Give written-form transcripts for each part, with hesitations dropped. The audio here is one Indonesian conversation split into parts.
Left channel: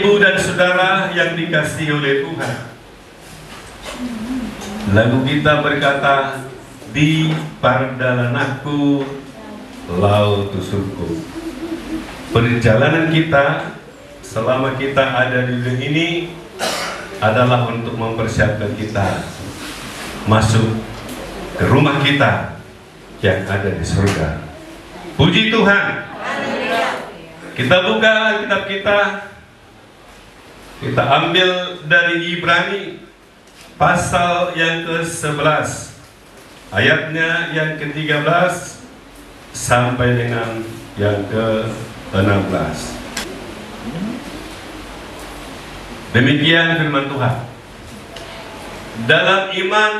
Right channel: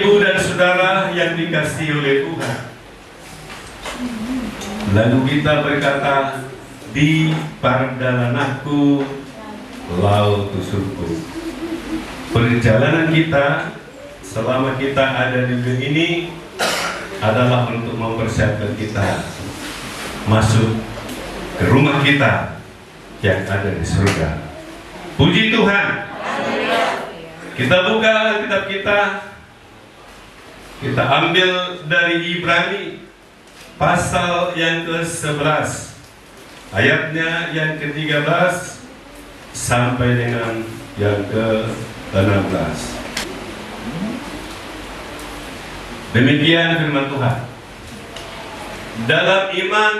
Bapak, Ibu, dan Saudara yang dikasihi oleh Tuhan, lagu kita berkata, di perjalananku laut tusurku. Perjalanan kita selama kita ada di dunia ini adalah untuk mempersiapkan kita masuk ke rumah kita yang ada di surga. Puji Tuhan. Kita buka Alkitab kita ambil dari Ibrani pasal yang ke-11, ayatnya yang ke-13 sampai dengan yang ke-16. Demikian firman Tuhan. Dalam iman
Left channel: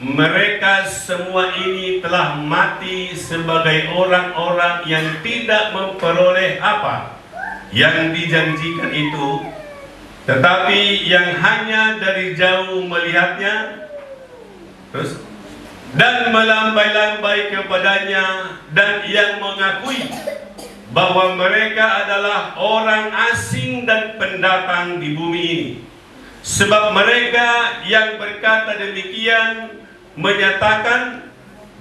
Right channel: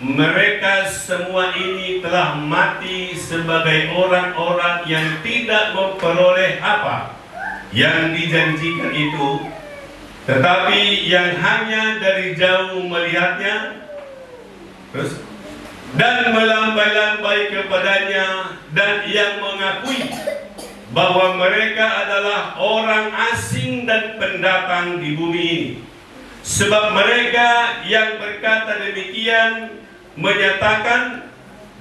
mereka semua ini telah mati sebagai orang-orang yang tidak memperoleh apa yang dijanjikan itu, tetapi yang hanya dari jauh melihatnya dan melambai-lambai kepadanya, dan yang mengakui bahwa mereka adalah orang asing dan pendatang di bumi ini. Sebab mereka yang berkata demikian menyatakan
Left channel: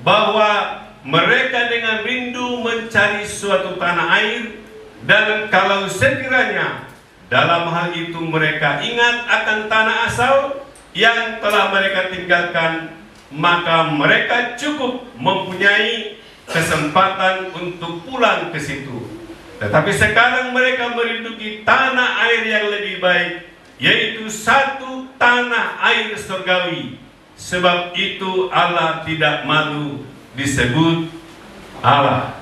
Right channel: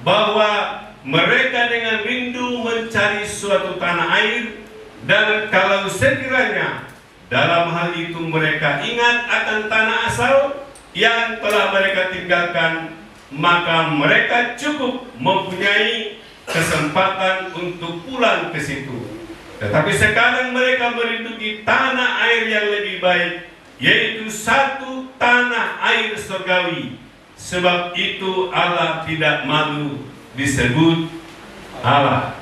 bahwa mereka dengan rindu mencari suatu tanah air, dan kalau sekiranya dalam hal itu mereka ingat akan tanah asal yang telah mereka tinggalkan, maka mereka cukup mempunyai kesempatan untuk pulang ke situ. Tetapi sekarang mereka merinduki tanah air yang lebih baik, yaitu satu tanah air surgawi. Sebab itu Allah tidak malu disebut Allah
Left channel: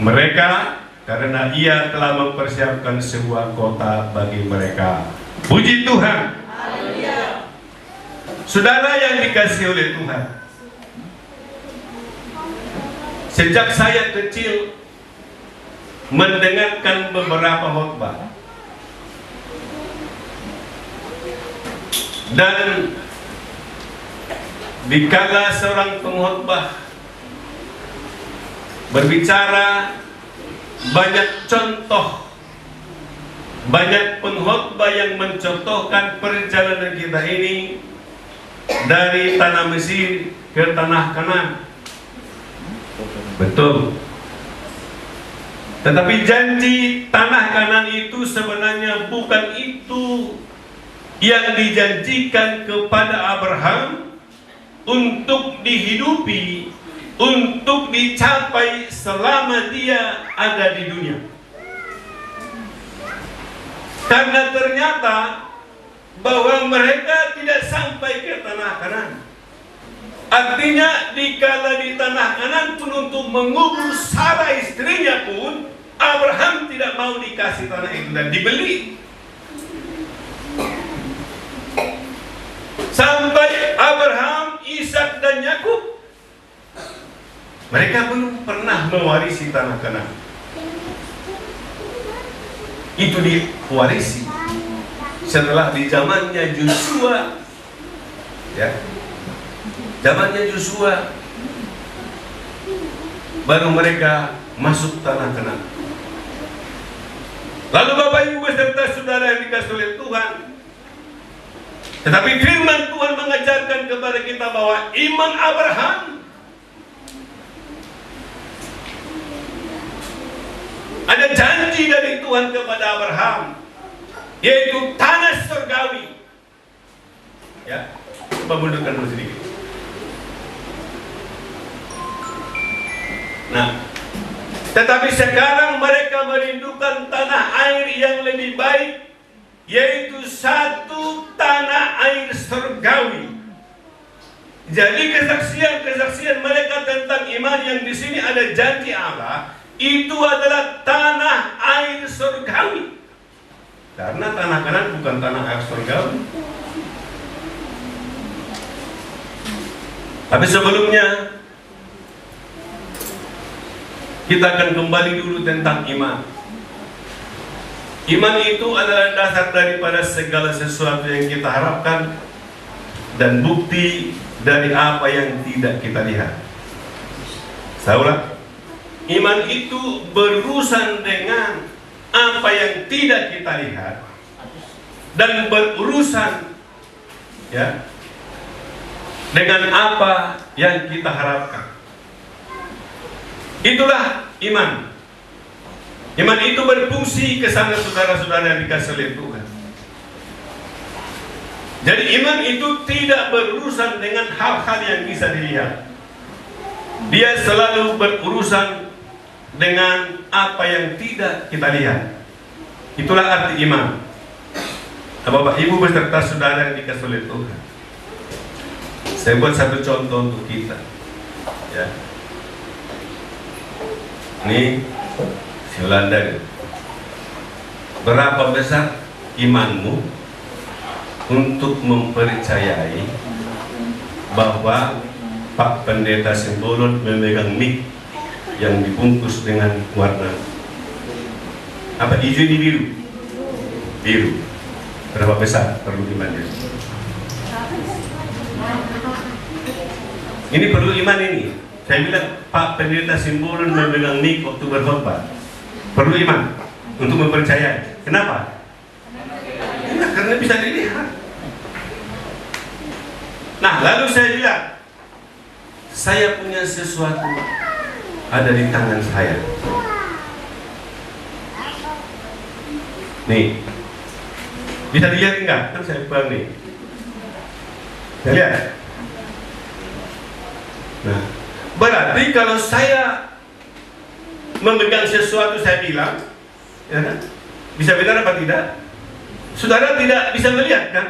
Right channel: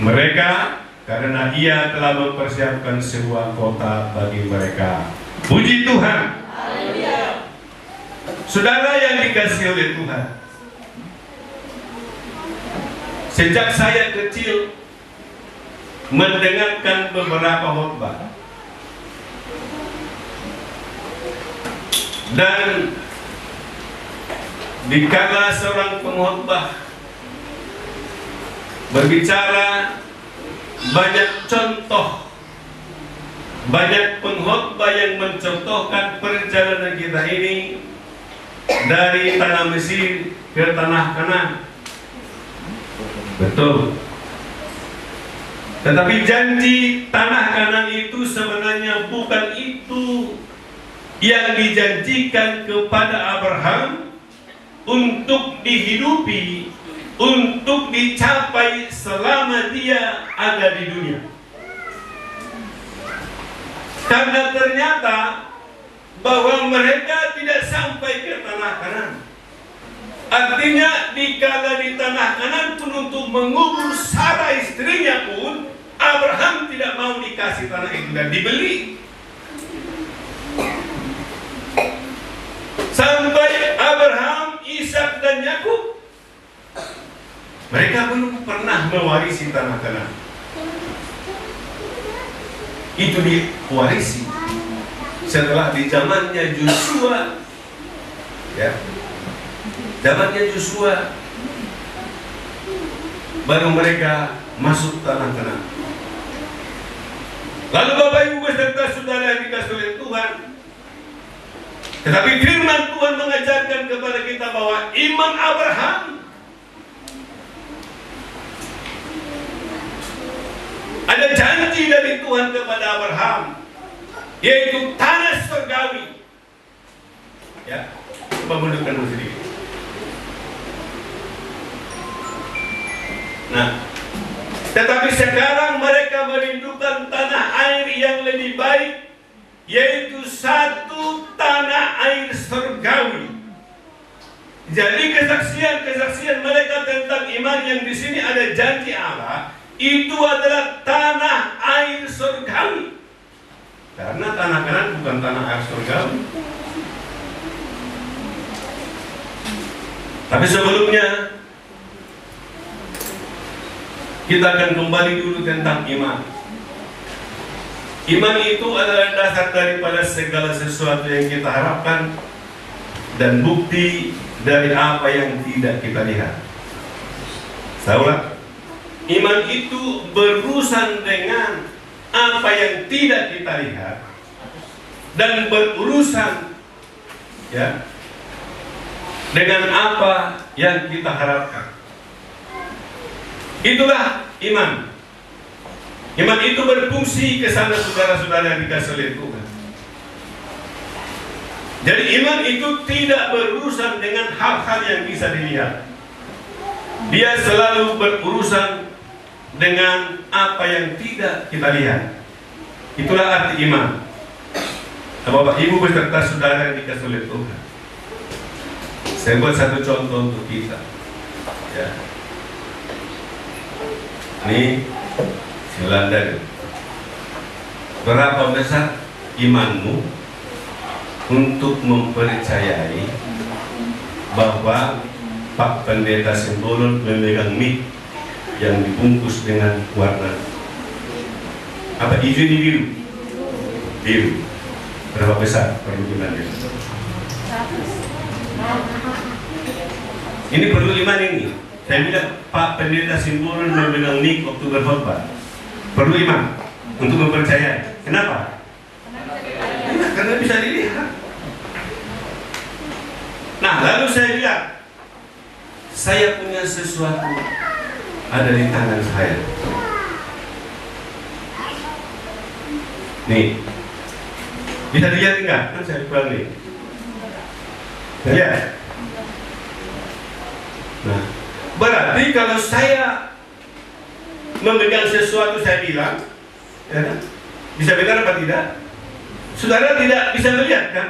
mereka, karena Ia telah mempersiapkan sebuah kota bagi mereka. Puji Tuhan. Saudara yang dikasihi oleh Tuhan, sejak saya kecil mendengarkan beberapa khotbah, dan dikala seorang pengkhotbah berbicara, banyak contoh, banyak pengkhotbah yang mencontohkan perjalanan kita ini dari tanah Mesir ke tanah Kanaan. Betul. Tetapi janji tanah Kanaan itu sebenarnya bukan itu yang dijanjikan kepada Abraham untuk dihidupi, untuk dicapai selama dia ada di dunia. Karena ternyata bahwa mereka tidak sampai ke tanah Kanaan. Artinya dikala di tanah Kanaan pun untuk mengubur Sarah istrinya pun Abraham tidak mau dikasih tanah itu dan dibeli. Sampai Abraham, Ishak dan Yakub, mereka belum pernah mewarisi tanah Kanaan. Itu diwarisi setelah di zamannya Yosua, ya, zamannya Yosua, baru mereka masuk tanah Kanaan. Lalu Bapak Ibu beserta saudara yang dikasihi oleh Tuhan, tetapi firman Tuhan mengajarkan kepada kita bahwa iman Abraham ada janji dari Tuhan kepada Abraham, yaitu tanah surgawi. Ya, coba mundurkan dulu sedikit. Nah, tetapi sekarang mereka merindukan tanah air yang lebih baik, yaitu satu tanah air surgawi. Jadi kesaksian mereka tentang iman yang di sini ada janji Allah, itu adalah tanah air surgawi. Karena tanah Kanaan bukan tanah air surgawi. Tapi sebelumnya kita akan kembali dulu tentang iman. Iman itu adalah dasar daripada segala sesuatu yang kita harapkan dan bukti dari apa yang tidak kita lihat. Saya ulang, iman itu berurusan dengan apa yang tidak kita lihat dan berurusan ya dengan apa yang kita harapkan. Itulah iman. Iman itu berfungsi ke sana saudara-saudara yang dikasih oleh Tuhan. Jadi iman itu tidak berurusan dengan hal-hal yang bisa dilihat. Dia selalu berurusan dengan apa yang tidak kita lihat. Itulah arti iman. Bapak Ibu beserta saudara yang dikasih oleh Tuhan. Saya buat satu contoh untuk kita. Ya. Ini si Belanda. Berapa besar imanmu untuk mempercayai bahwa Pak Pendeta Simbolon memegang mic yang dibungkus dengan warna apa, hijau di biru? Biru. Berapa besar perlu imannya? Ini perlu iman ini. Saya bilang Pak Pendeta Simbolon memegang mic waktu berkhotbah. Perlu iman untuk mempercayai. Kenapa? Karena bisa dilihat. Nah, lalu saya bilang, saya punya sesuatu ada di tangan saya. Nih, bisa dilihat enggak? Kan saya pegang nih. Bisa lihat? Nah, berarti kalau saya memegang sesuatu, saya bilang, ya kan? Bisa benar apa tidak? Saudara tidak bisa melihat kan?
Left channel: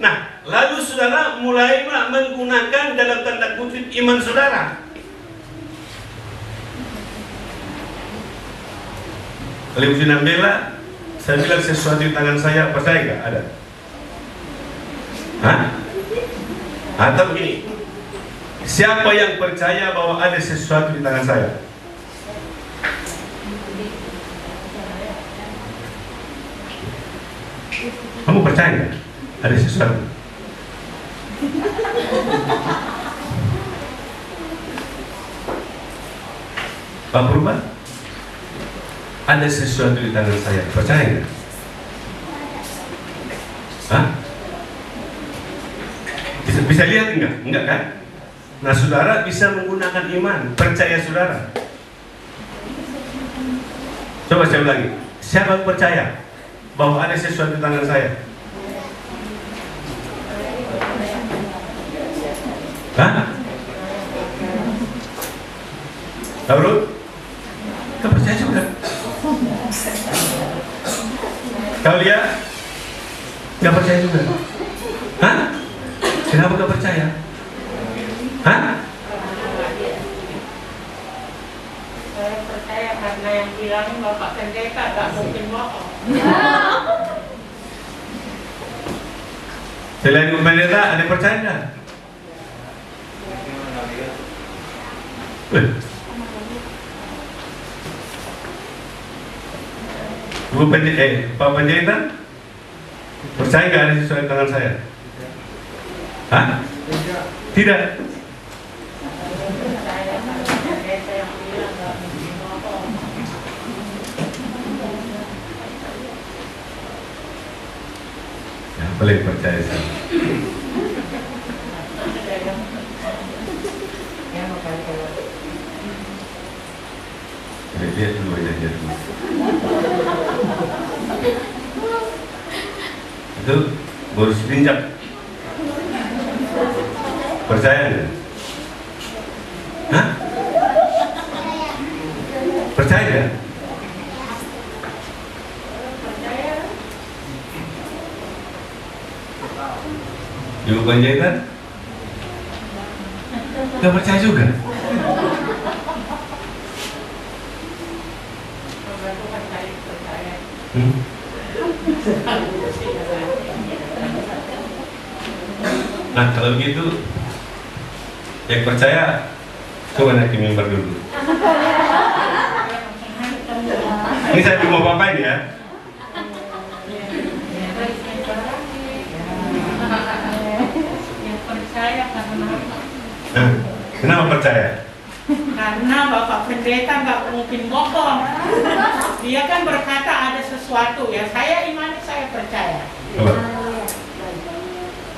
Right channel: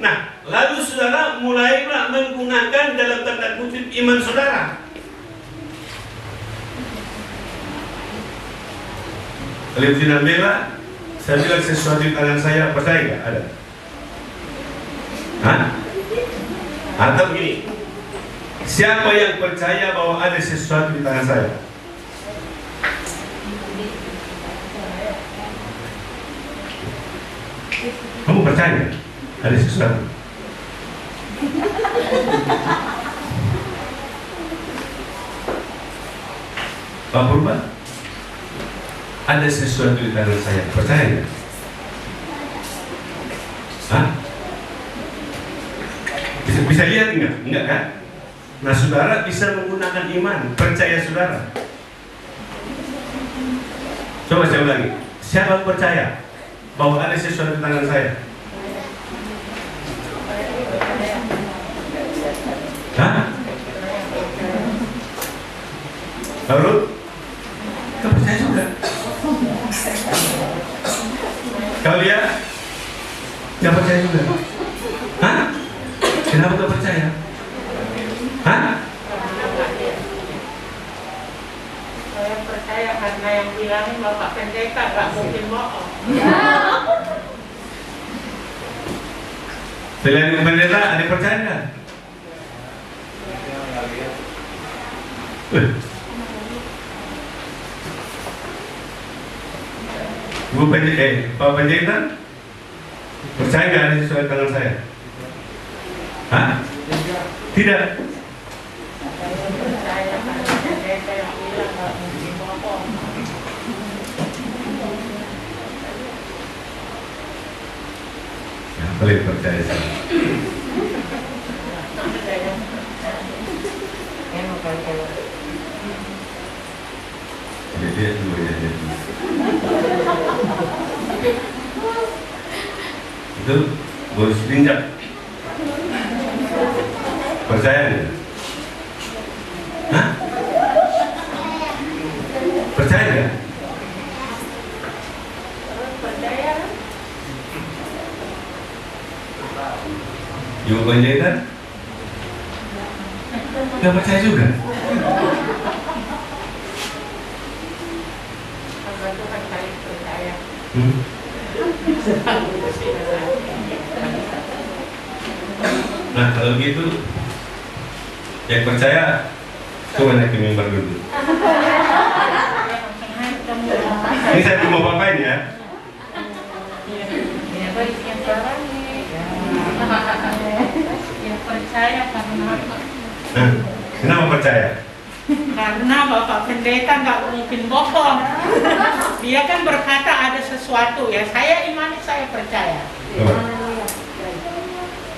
Nah, lalu saudara mulailah menggunakan dalam tanda kutip iman saudara. Kalau Ibu Nabila, saya bilang sesuatu di tangan saya, percaya nggak? Ada? Hah? Atau begini, siapa yang percaya bahwa ada sesuatu di tangan saya? Kamu percaya ada sesuatu? Pak Purba, ada sesuatu di tangan saya, percaya nggak? Hah? Bisa lihat enggak? Enggak kan? Nah, saudara bisa menggunakan iman, percaya saudara. Coba saya ulangi, siapa percaya bahwa ada sesuatu di tangan saya? Hah? Lalu? Kau percaya juga? Kalau dia nggak percaya juga? Hah? Kenapa nggak percaya? Hah? Saya percaya karena yang bilangin Bapak Pendeta nggak mungkin bohong. Selain Ibu Pendeta, ada yang percaya nggak? Ibu Pendeta, Pak Pendeta, percaya nggak ada sesuatu di tangan saya? Hah? Tidak. Saya karena Pendeta yang bilang nggak mungkin bohong. Siapa yang percaya saya? Lihat dulu, lihat dulu. Itu boleh diinjak. Percaya nggak? Hah? Percaya nggak? Ibu Pendeta nggak percaya juga. Nah, kalau gitu yang percaya coba naik ke mimbar dulu. Ini saya mau bapak ini ya. Yang percaya karena Nah, kenapa percaya? Karena Bapak Pendeta nggak mungkin bohong. Dia kan berkata ada sesuatu ya. Saya imani, saya percaya.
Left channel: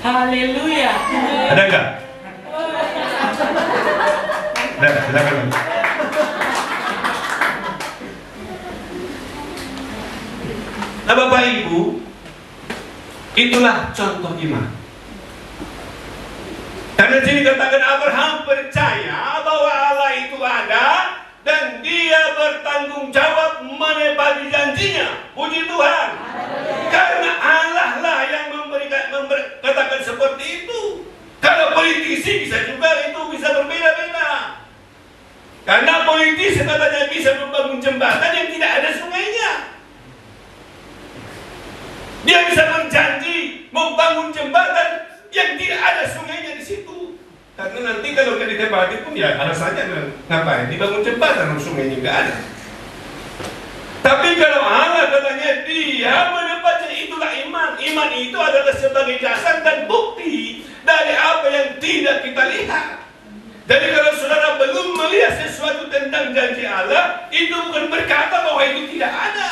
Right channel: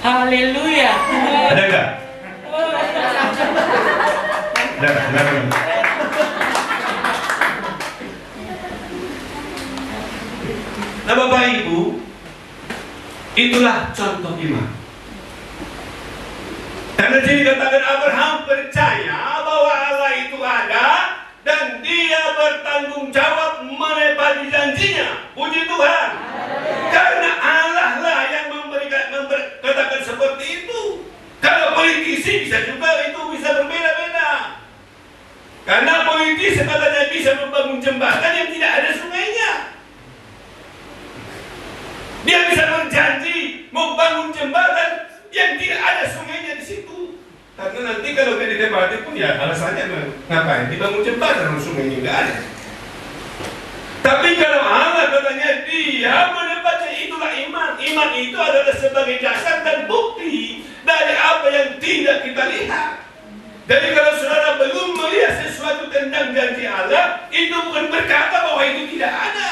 Haleluya. Ada nggak? Ada. Nah Bapak Ibu, itulah contoh iman. Karena sini katakan Abraham percaya bahwa Allah itu ada dan dia bertanggung jawab menepati janjinya. Puji Tuhan. Karena Allah lah yang katakan seperti itu. Kalau politisi bisa juga itu bisa berbeda-beda. Karena politisi katanya bisa membangun jembatan yang tidak ada sungainya. Dia bisa berjanji membangun jembatan yang tidak ada sungainya di situ. Karena nanti kalau dia ditembak itu ya alasannya ngapain dibangun jembatan sungainya nggak ada. Tapi kalau Allah katanya dia menepati, itulah iman. Iman itu adalah sebagai dasar dan bukti dari apa yang tidak kita lihat. Jadi kalau saudara belum melihat sesuatu tentang janji Allah, itu bukan berkata bahwa itu tidak ada.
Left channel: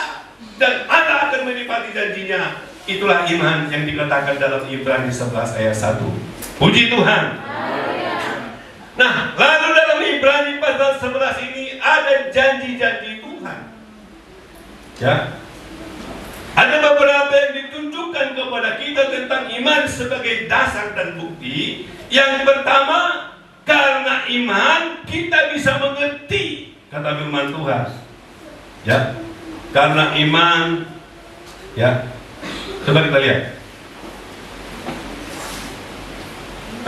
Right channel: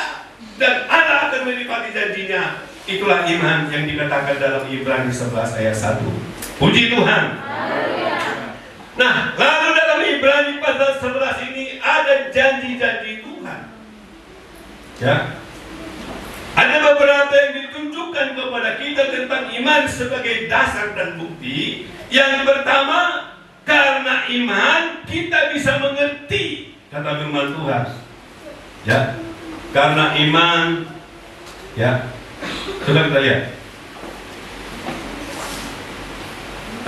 Dan Allah akan menepati janjinya. Itulah iman yang dikatakan dalam Ibrani 11 ayat 1. Puji Tuhan. Nah, lalu dalam Ibrani pasal 11 ini ada janji-janji Tuhan. Ya. Ada beberapa yang ditunjukkan kepada kita tentang iman sebagai dasar dan bukti. Yang pertama, karena iman kita bisa mengerti kata firman Tuhan. Ya. Karena iman, ya. Coba kita lihat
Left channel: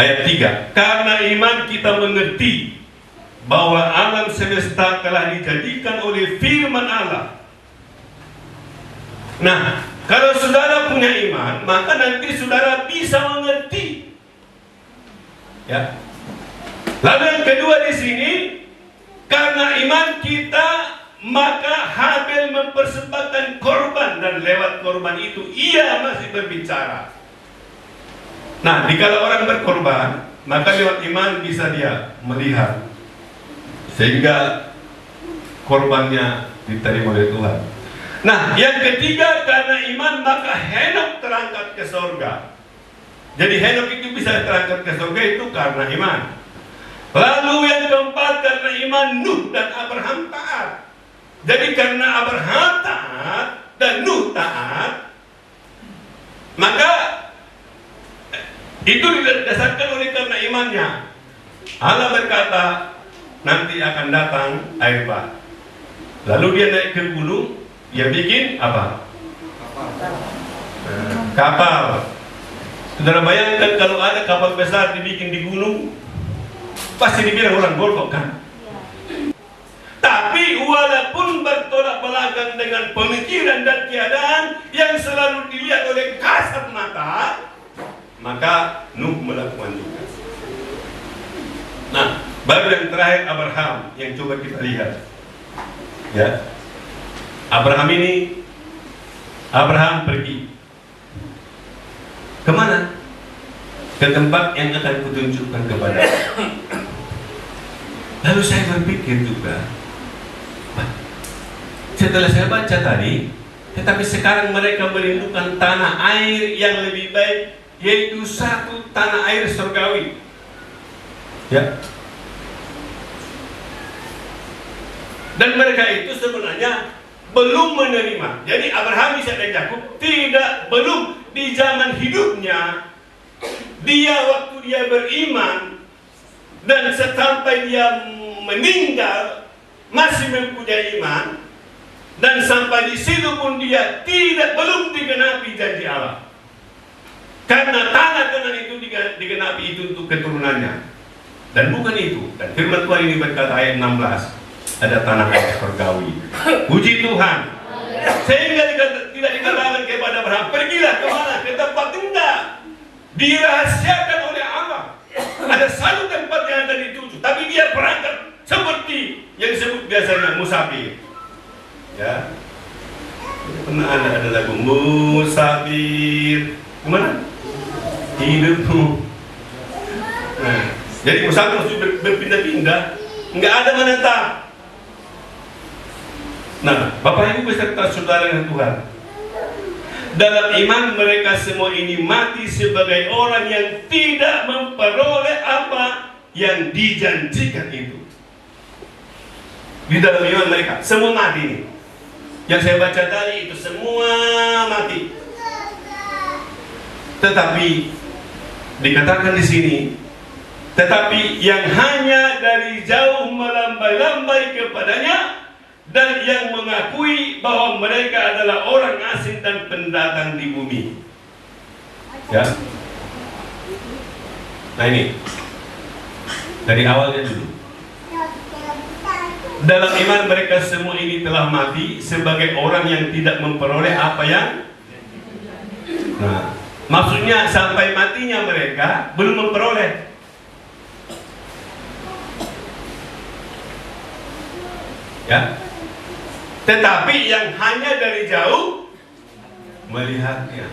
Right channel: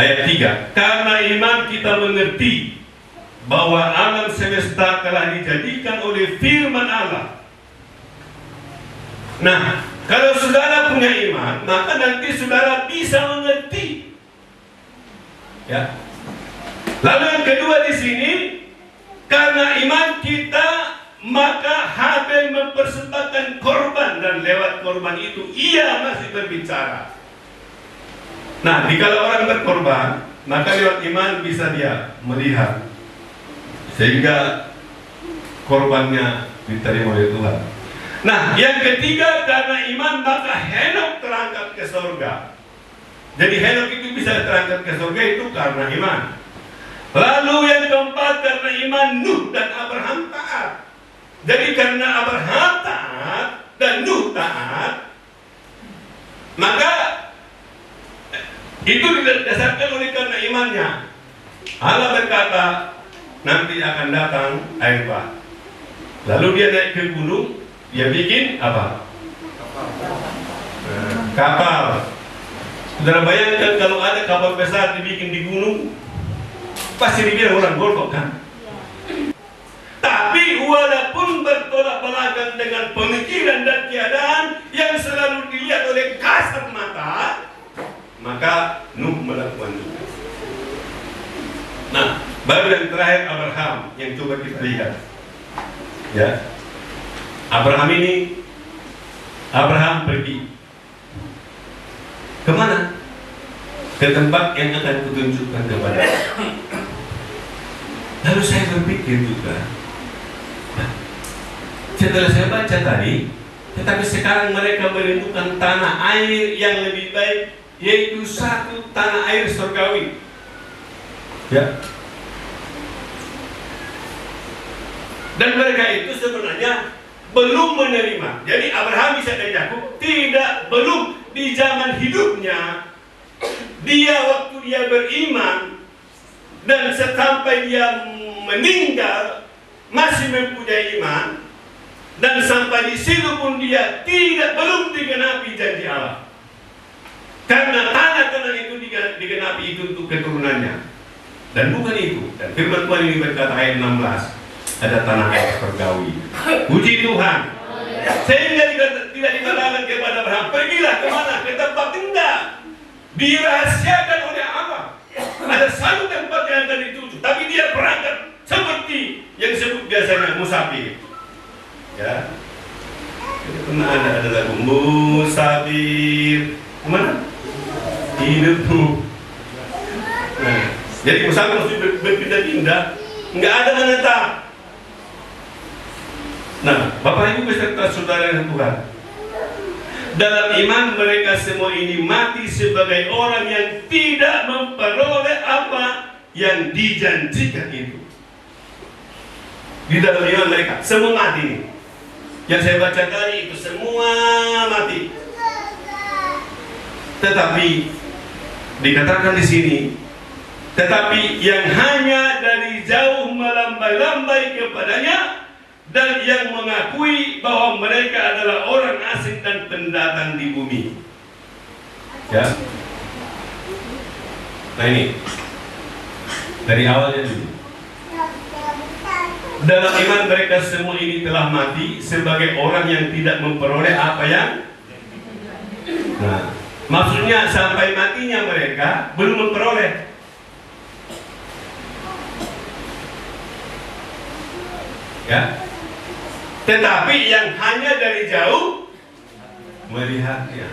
ayat 3. Karena iman kita mengerti bahwa alam semesta telah dijadikan oleh firman Allah. Nah, kalau saudara punya iman, maka nanti saudara bisa mengerti. Ya. Lalu yang kedua di sini, karena iman kita maka Habil mempersembahkan korban dan lewat korban itu ia masih berbicara. Nah, jika orang berkorban, maka lewat iman bisa dia melihat sehingga korbannya diterima oleh Tuhan. Nah, yang ketiga karena iman maka Henok terangkat ke surga. Jadi Henok itu bisa terangkat ke surga itu karena iman. Lalu yang keempat karena iman Nuh dan Abraham taat. Jadi karena Abraham taat dan Nuh taat, maka itu didasarkan oleh karena imannya. Allah berkata nanti akan datang air bah. Lalu dia naik ke gunung, dia bikin apa? Kapal. Saudara bayangkan kalau ada kapal besar dibikin di gunung, pasti dibilang orang golok kan? Tapi walaupun bertolak belakang dengan pemikiran dan keadaan yang selalu dilihat oleh kasat mata, maka Nuh melakukan juga. Nah, baru yang terakhir Abraham yang coba kita lihat. Ya, Abraham pergi kemana? Ke tempat yang akan kutunjukkan kepada. Lalu saya berpikir juga. Setelah saya baca tadi, tetapi sekarang mereka merindukan tanah air yang lebih baik, yaitu satu tanah air surgawi. Ya. Dan mereka itu sebenarnya belum menerima. Jadi Abraham, Ishak dan Yakub belum di zaman hidupnya. Dia waktu dia beriman dan sampai dia meninggal masih mempunyai iman. Dan sampai di situ pun dia belum digenapi janji Allah. Karena tanah itu digenapi itu untuk keturunannya. Dan bukan itu. Dan firman Tuhan ini berkata ayat 16, ada tanah air surgawi. Puji Tuhan. Sehingga tidak dikatakan kepada Abraham, pergilah kemana? Ke tempat indah. Dirahasiakan oleh Allah. Ada satu tempat yang akan dituju. Tapi dia berangkat seperti yang disebut biasanya musafir. Ya, jadi pernah ada lagu musafir mana hidupmu. Nah, jadi musafir harus berpindah-pindah. nggak ada menetap. Nah, Bapak Ibu beserta saudara yang Tuhan, dalam iman mereka semua ini mati sebagai orang yang tidak memperoleh apa yang dijanjikan itu. Di dalam iman mereka semua mati nih. Yang saya baca tadi itu semua mati. Tetapi dikatakan di sini, tetapi yang hanya dari jauh melambai-lambai kepadanya dan yang mengakui bahwa mereka adalah orang asing dan pendatang di bumi. Ya. Nah ini dari awalnya dulu. Dalam iman mereka semua ini telah mati sebagai orang yang tidak memperoleh apa yang. Nah, maksudnya sampai matinya mereka belum memperoleh. Ya. Tetapi yang hanya dari jauh melihatnya,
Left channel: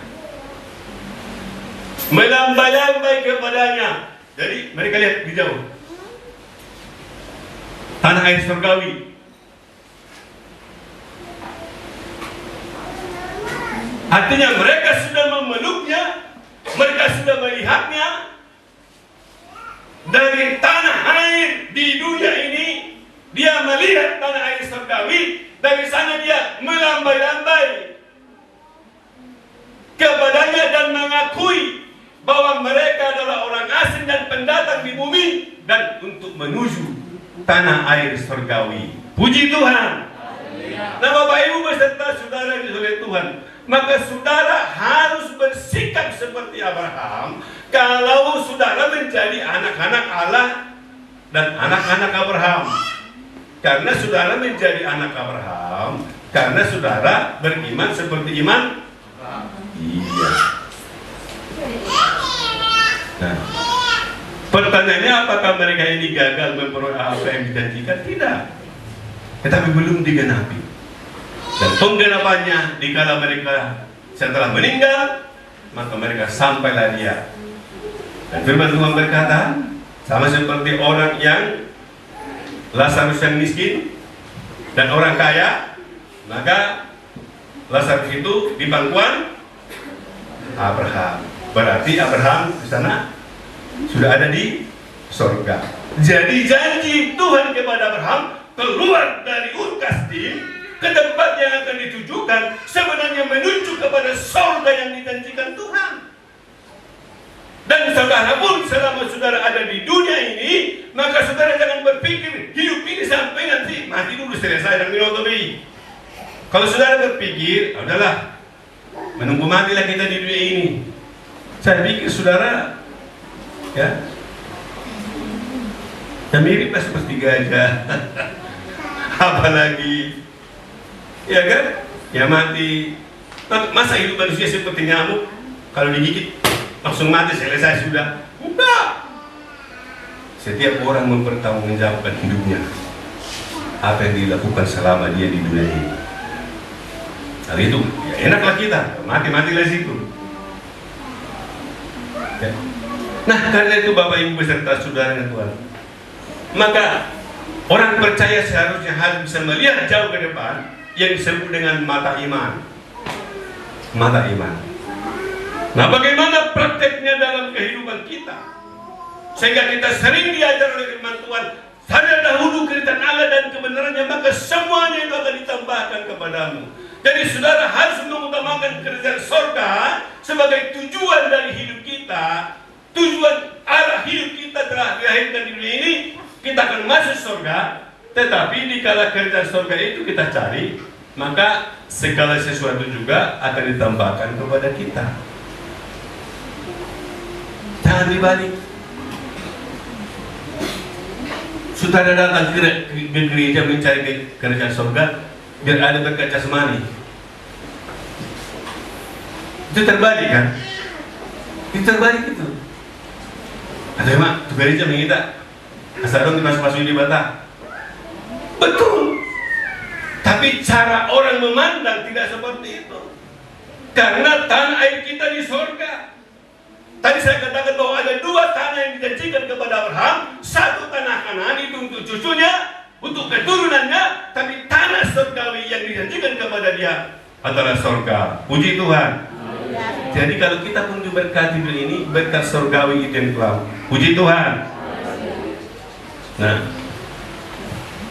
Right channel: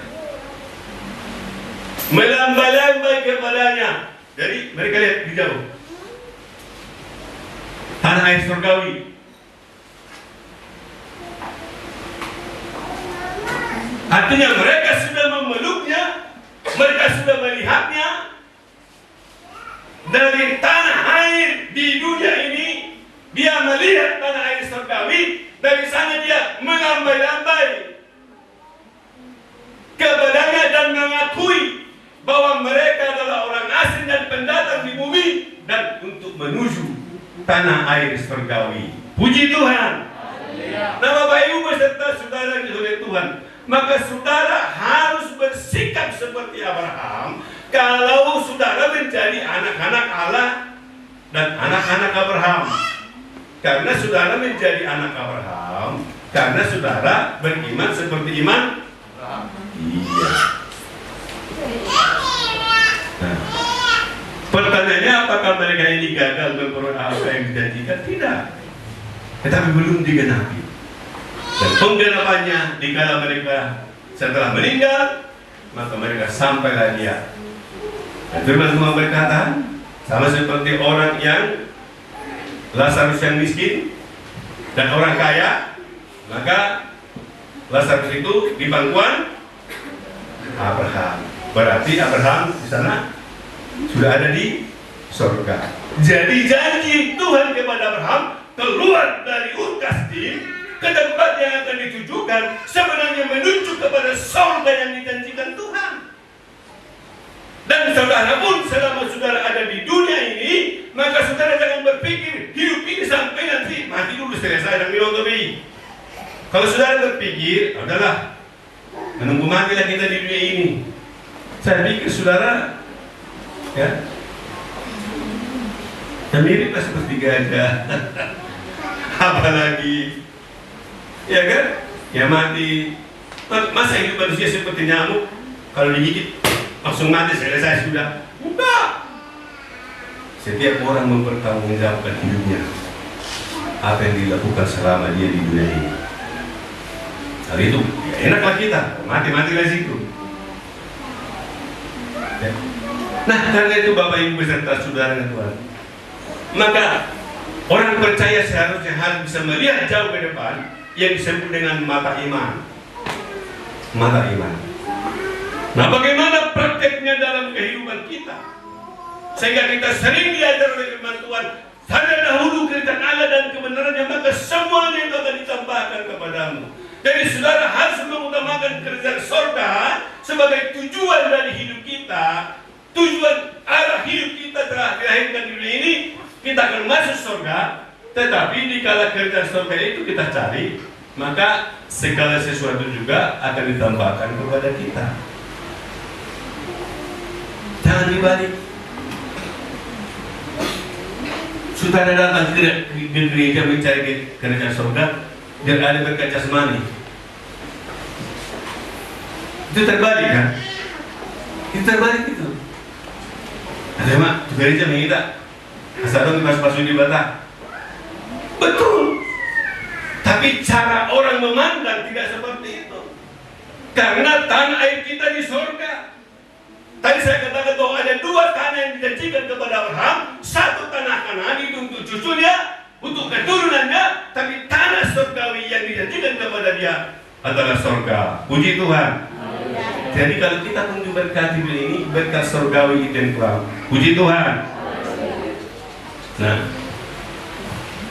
melambai-lambai kepadanya. Jadi mereka lihat di jauh tanah air surgawi. Artinya mereka sudah memeluknya, mereka sudah melihatnya. Dari tanah air di dunia ini, dia melihat tanah air surgawi. Dari sana dia melambai-lambai kepadanya dan mengakui bahwa mereka adalah orang asing dan pendatang di bumi dan untuk menuju tanah air surgawi. Puji Tuhan. Nah, Bapak Ibu beserta saudara di oleh Tuhan, maka saudara harus bersikap seperti Abraham kalau saudara menjadi anak-anak Allah dan anak-anak Abraham. Karena saudara menjadi anak Abraham, karena saudara beriman seperti iman. Iya. Nah, pertanyaannya apakah mereka ini gagal memperoleh apa yang dijanjikan? Tidak. Tetapi belum digenapi. Dan penggenapannya dikala mereka setelah meninggal, maka mereka sampailah dia. Dan firman Tuhan berkata, sama seperti orang yang Lazarus yang miskin dan orang kaya, maka Lazarus itu di pangkuan Abraham. Berarti Abraham di sana sudah ada di surga. Jadi janji Tuhan kepada Abraham keluar dari Ur Kasdim ke tempat yang akan ditujukan sebenarnya menuju kepada surga yang dijanjikan Tuhan. Dan saudara pun selama saudara ada di dunia ini, maka saudara jangan berpikir hidup ini sampai nanti mati dulu selesai dan milotobi. Kalau saudara berpikir, adalah menunggu matilah kita di dunia ini. Saya pikir saudara, ya, miriplah seperti gajah. Apalagi, ya kan? Ya mati. Masa hidup manusia seperti nyamuk? Kalau digigit langsung mati, selesai sudah. Enggak. Setiap orang mempertanggungjawabkan hidupnya apa yang dilakukan selama dia di dunia ini. Hal itu ya enaklah kita mati dari situ. Ya. Nah, karena itu Bapak Ibu beserta saudara dan Tuhan, maka orang percaya seharusnya harus bisa melihat jauh ke depan yang disebut dengan mata iman. Mata iman. Nah, bagaimana prakteknya dalam kehidupan kita? Sehingga kita sering diajar oleh firman Tuhan, sadarlah dahulu kerajaan Allah dan kebenarannya, maka semuanya itu akan ditambahkan kepadamu. Jadi saudara harus mengutamakan kerajaan surga sebagai tujuan dari hidup kita. Tujuan arah hidup kita telah dilahirkan di dunia ini, kita akan masuk surga. Tetapi dikala kerajaan surga itu kita cari, maka segala sesuatu juga akan ditambahkan kepada kita. Jangan dibalik. Saudara datang ke gereja mencari kerajaan surga biar ada berkat jasmani. Itu terbalik kan? Itu terbalik itu. Ada mak, tuh gereja minta asalkan pas-pas di batang. Betul. Tapi cara orang memandang tidak seperti itu. Karena tanah air kita di surga. Tadi saya katakan bahwa ada dua tanah yang dijanjikan kepada Abraham. satu tanah Kanaan itu untuk cucunya, untuk keturunannya, tapi tanah surgawi yang dijanjikan kepada dia adalah surga. Puji Tuhan. Jadi kalau kita pun diberkati ini, berkat surgawi itu yang Tuhan. Puji Tuhan. Nah,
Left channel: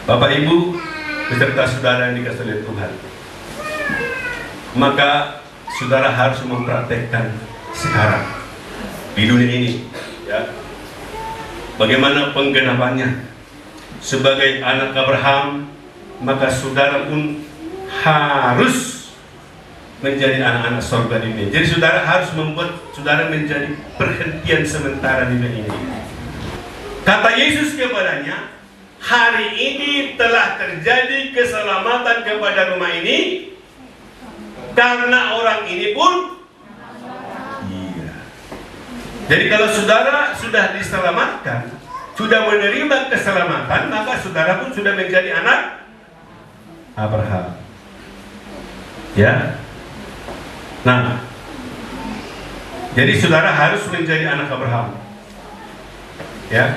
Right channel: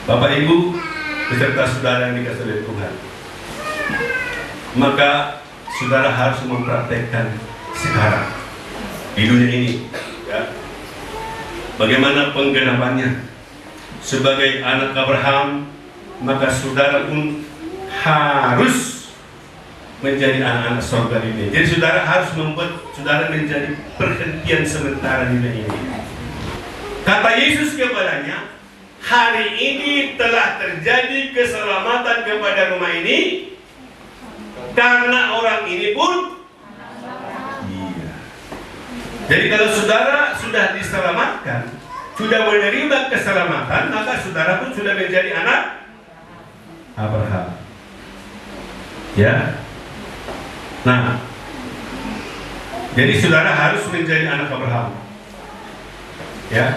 Bapak Ibu beserta saudara yang dikasihi oleh Tuhan, maka saudara harus mempraktekkan sekarang di dunia ini, ya, bagaimana penggenapannya. Sebagai anak Abraham, maka saudara pun harus menjadi anak-anak surga ini. Jadi saudara harus membuat saudara menjadi perhentian sementara di dunia ini. Kata Yesus kepadanya, hari ini telah terjadi keselamatan kepada rumah ini, karena orang ini pun iya. Jadi kalau saudara sudah diselamatkan, sudah menerima keselamatan, maka saudara pun sudah menjadi anak Abraham. Ya. Nah, jadi saudara harus menjadi anak Abraham. Ya.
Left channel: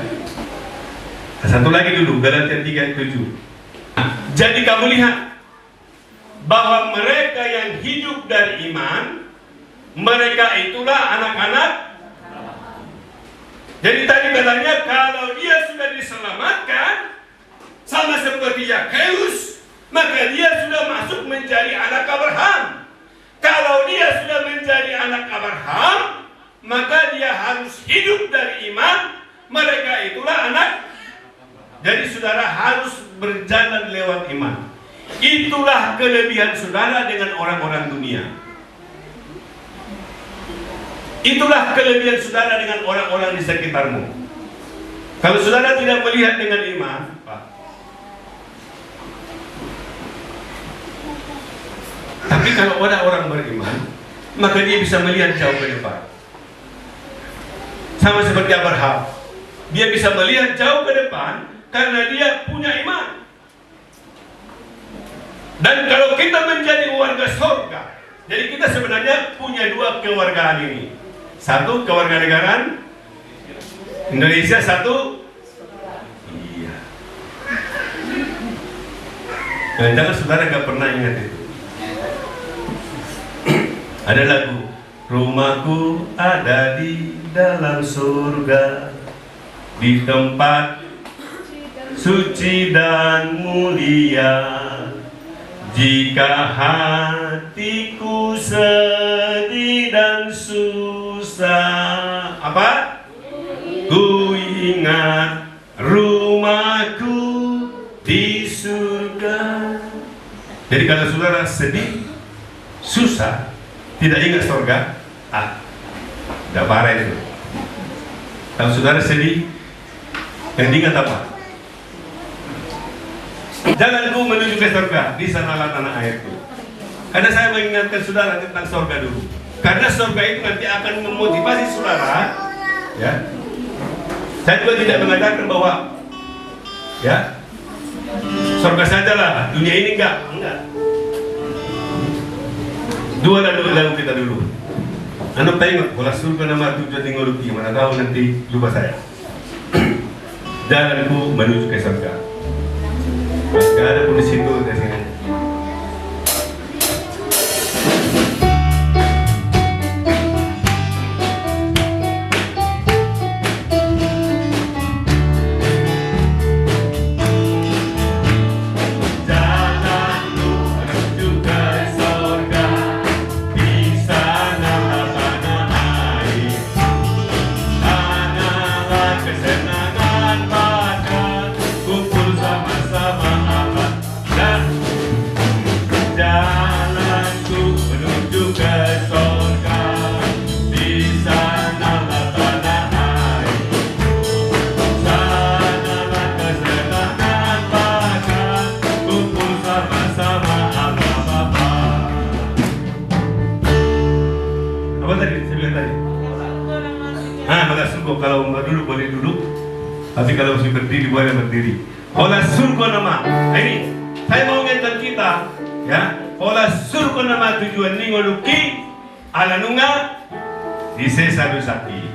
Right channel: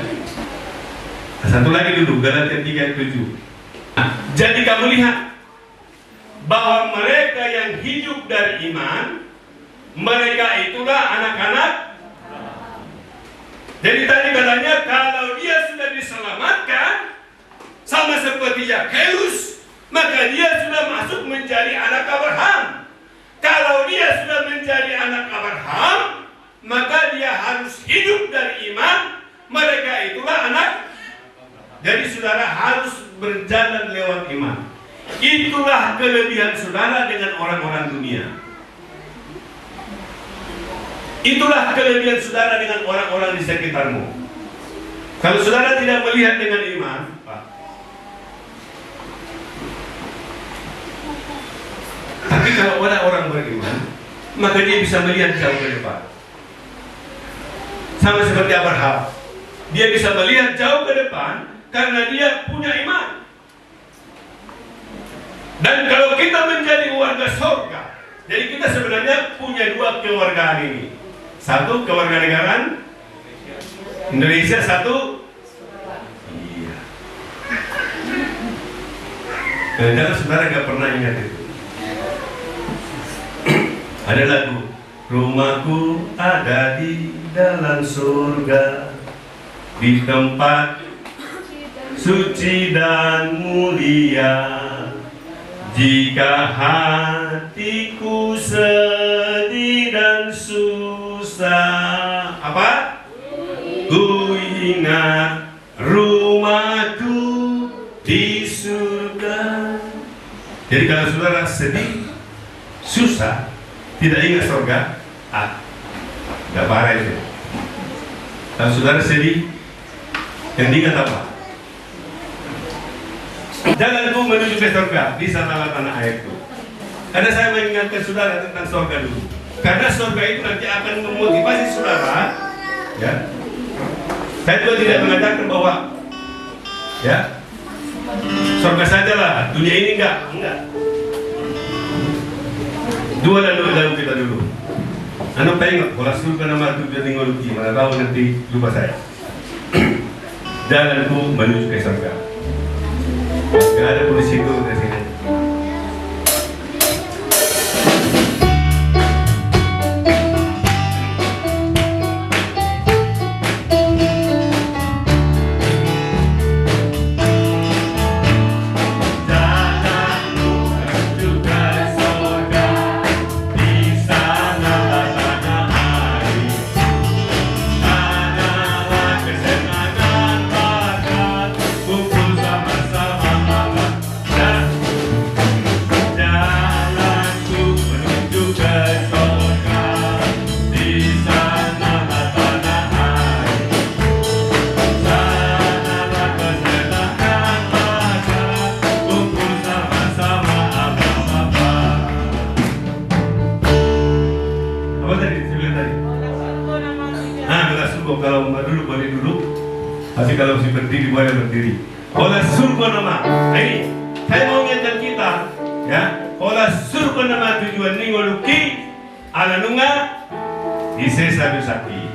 Satu lagi dulu, Galatia 3:7. Nah, jadi kamu lihat bahwa mereka yang hidup dari iman, mereka itulah anak-anak. Jadi tadi katanya kalau dia sudah diselamatkan sama seperti Yakheus, maka dia sudah masuk menjadi anak Abraham. Kalau dia sudah menjadi anak Abraham, maka dia harus hidup dari iman. Mereka itulah anak. Jadi saudara harus berjalan lewat iman. Itulah kelebihan saudara dengan orang-orang dunia. Itulah kelebihan saudara dengan orang-orang di sekitarmu. Kalau saudara tidak melihat dengan iman, Pak. Tapi kalau orang beriman, maka dia bisa melihat jauh ke depan. Sama seperti Abraham, dia bisa melihat jauh ke depan karena dia punya iman. Dan kalau kita menjadi warga surga, jadi kita sebenarnya punya dua kewargaan ini. Satu kewarganegaraan Indonesia, satu iya. Kadang-kadang saudara gak pernah ingat itu. Ada lagu, rumahku ada di dalam surga, di tempat suci dan mulia. Jika hatiku sedih dan susah, apa? Ku ingat rumahku di surga. Jadi kalau saudara sedih, susah, tidak ingat surga, gak parah itu. Kalau saudara sedih, yang diingat apa? Jalanku menuju ke surga, di sanalah tanah airku. Karena saya mengingatkan saudara tentang surga dulu. Karena surga itu nanti akan memotivasi saudara, ya. Saya juga tidak mengatakan bahwa, ya, surga sajalah, dunia ini enggak. Dua lalu kita dulu. Anda tengok, kalau surga nama tujuan tinggaluki, mana tahu nanti lupa saya. Jalanku menuju ke surga. Gak ada polisi itu di sini. Kalau duduk boleh duduk, tapi kalau masih berdiri boleh berdiri. Olah surga nama. Ini saya mau ngetan kita, ya. Olah surga nama tujuan ni ngoluki ala nunga di sapi.